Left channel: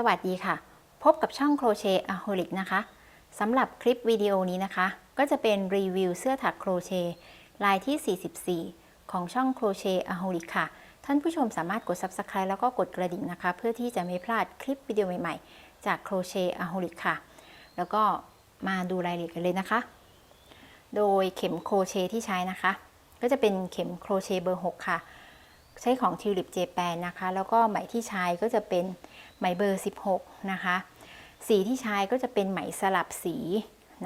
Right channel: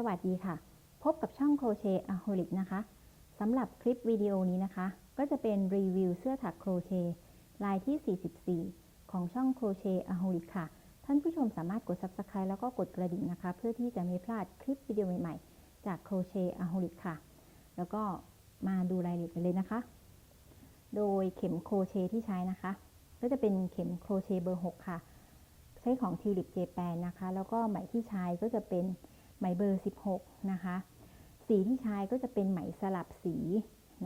สวัสดีค่ะ พบกับช่องโครเชต์อะโฮลิกนะคะสำหรับคลิปวิดีโอนี้นะคะ ก็จะเป็นรีวิวเสื้อถักโครเชต์ลายที่ 44 ของช่องโครเชต์อะโฮลิกค่ะ ท่านผู้ชมสามารถกด Subscribe แล้วก็กดกระดิ่งนะคะ เพื่อที่จะไม่พลาดคลิปวิดีโอใหม่ๆ จากโครเชต์อะโฮลิกค่ะ แล้วก็มาดูรายละเอียดกันเลยนะคะ โดยเข็มโครเชต์ที่ใช้นะคะ ก็จะเป็นเข็มโครเชต์เบอร์ 6 ค่ะ ใช้ของทิวลิปเจแปนนะคะ แล้วก็ไหมที่ใช้ก็จะเป็น ไหมเบอร์ 16 นะคะ สีที่ใช้ก็จะเป็นไหมสลับสี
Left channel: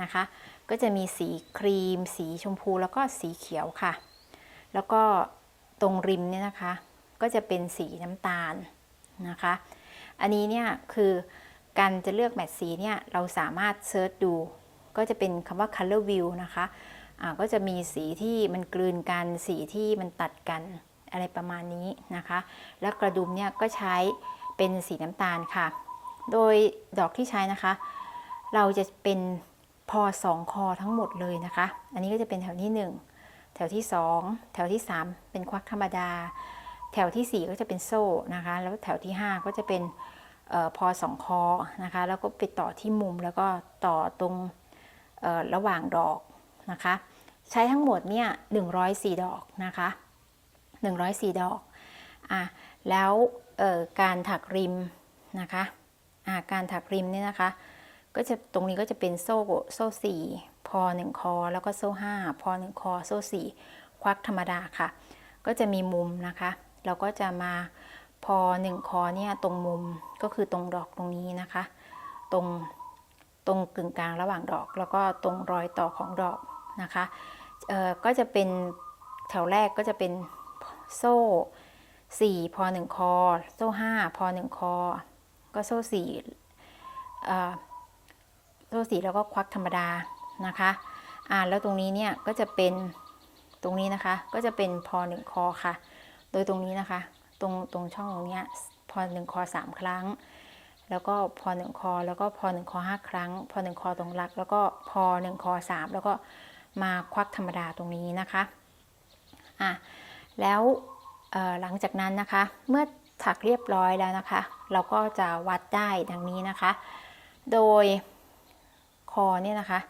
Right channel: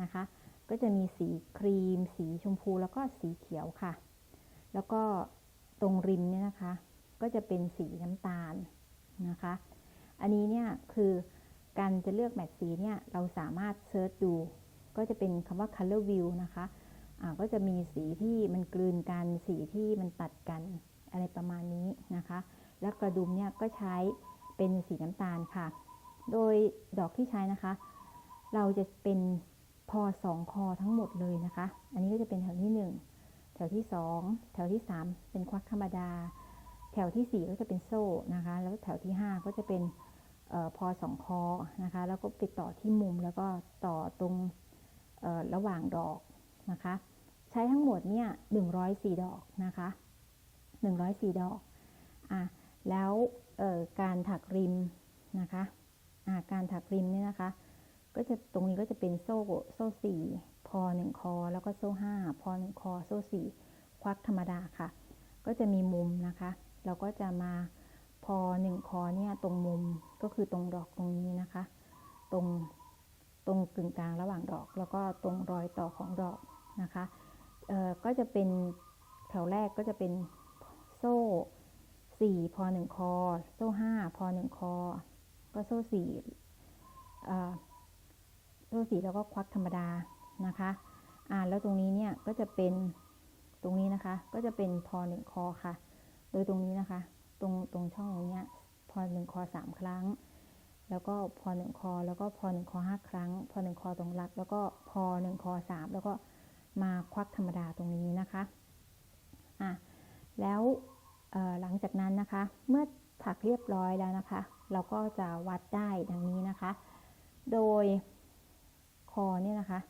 นะคะ ก็จะมีสีครีม สีชมพูแล้วก็สีเขียวค่ะ แล้วก็ตรงริมเนี่ยนะคะ ก็จะเป็นสีน้ำตาลนะคะ อันนี้เนี่ยคือการจะเลือกแมทสีเนี่ยเราสามารถเซิร์ชดู ก็จะเป็นคำว่า color view นะคะก็จะมีสีที่มันกลืนกัน สีที่มันตัดกันอะไรประมาณนี้นะคะ แล้วกระดุมเนี่ยก็ใช้ เป็นสีน้ำตาลค่ะ โดยดอกที่ใช้นะคะ เราจะเป็นพอสองคอทั้งหมดเลยนะคะ อันนี้ก็จะเป็นแถวที่ 1 แถวที่ 2 แถวที่ 3 เป็นควักธรรมดา แถวที่ 4 ก็จะเป็นโซ่นะคะ แล้วแถวที่ 5 ก็จะเป็นออพอสองคอนะคะ แล้วก็ไปต่อที่มุมแล้วก็ต่อตรงระหว่างดอกนะคะ ใช้ทั้งหมดเนี่ย104 ดอกนะคะ 104 ดอกอะแล้ว การถักริมนะคะอะการถักริมเนี่ยนะคะ ก็จะตรงนี้ก็จะเป็นโซ่โซ่สี่พอหนึ่งคอ แล้วก็โซ่ห้าพอหนึ่งคอ โซ่สี่ควักธรรมดาค่ะ ก็จะมีมุมนะคะ เราก็จะมาพอหนึ่งคอเนี่ยตรงมุมก็คือตรงดอกตรงนี้นะคะ ตรงตรงกึ่งกลางระหว่างดอก แล้วก็ตรงรอยต่อของดอกนะคะก็จะเป็นแถวแรกก็จะเป็นโซ่ 4 พอ 1 คอ โซ่ 5 พอ 1 คอ ก็โซ่4โซ่4แล้วก็ควักธรรมดานะคะอ่าแล้วตรงนี้เนี่ยก็จะเป็นตรงนี้นะคะก็จะเป็นพอ 1 คอค่ะ โดยตรงนี้นะคะ ตรงตรงช่องตรงเนี้ยพอ 1 คอ 3 ครั้ง แล้วก็พอ 1 คอ แล้วก็พอ 1 คอ 5 ครั้ง พอ 1 คอตรงรัก แล้วก็พอ 1 คอ 3 แล้วก็มาควักธรรมดาตรงนี้นะคะอะแล้ว หลังจากนั้นนะคะ เมื่อถักเรียบร้อยแล้วนะคะ เราก็จะวัดได้ดังนี้นะคะ โดยคอเนี่ยนะคะ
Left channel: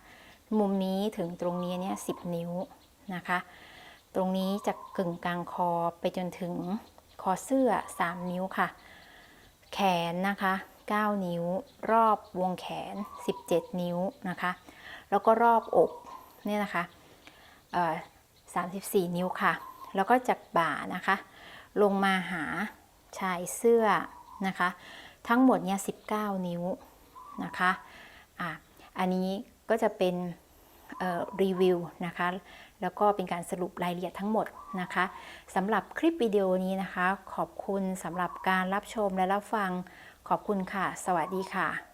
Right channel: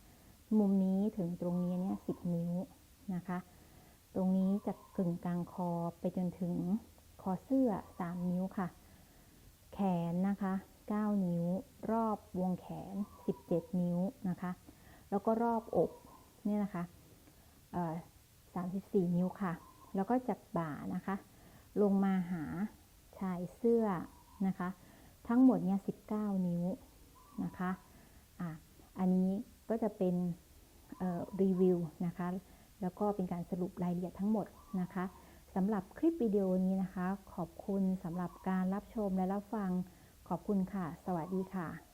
มุมนี้ถึงตรงนี้เนี่ยสินิ้วนะคะ ตรงนี้จากกึ่งกลางคอไปจนถึงคอเสื้อ 3 นิ้วค่ะ แขนนะคะ 9 นิ้ว รอบวงแขน 17 นิ้วนะคะ แล้วก็รอบอกเนี่ยนะคะเอ่อ34นิ้วค่ะ แล้วก็จากบ่านะคะ ลงมาหาชายเสื้อนะคะ ทั้งหมดเนี่ย19นิ้วนะคะอะอันนี้ก็จะเป็นรีวิวนะคะ แล้วก็เป็นการสรุปรายละเอียดทั้งหมดนะคะสำหรับคลิปวิดีโอนี้นะคะ ขอบคุณสำหรับการรับชมและรับฟังขอบคุณค่ะ สวัสดีค่ะ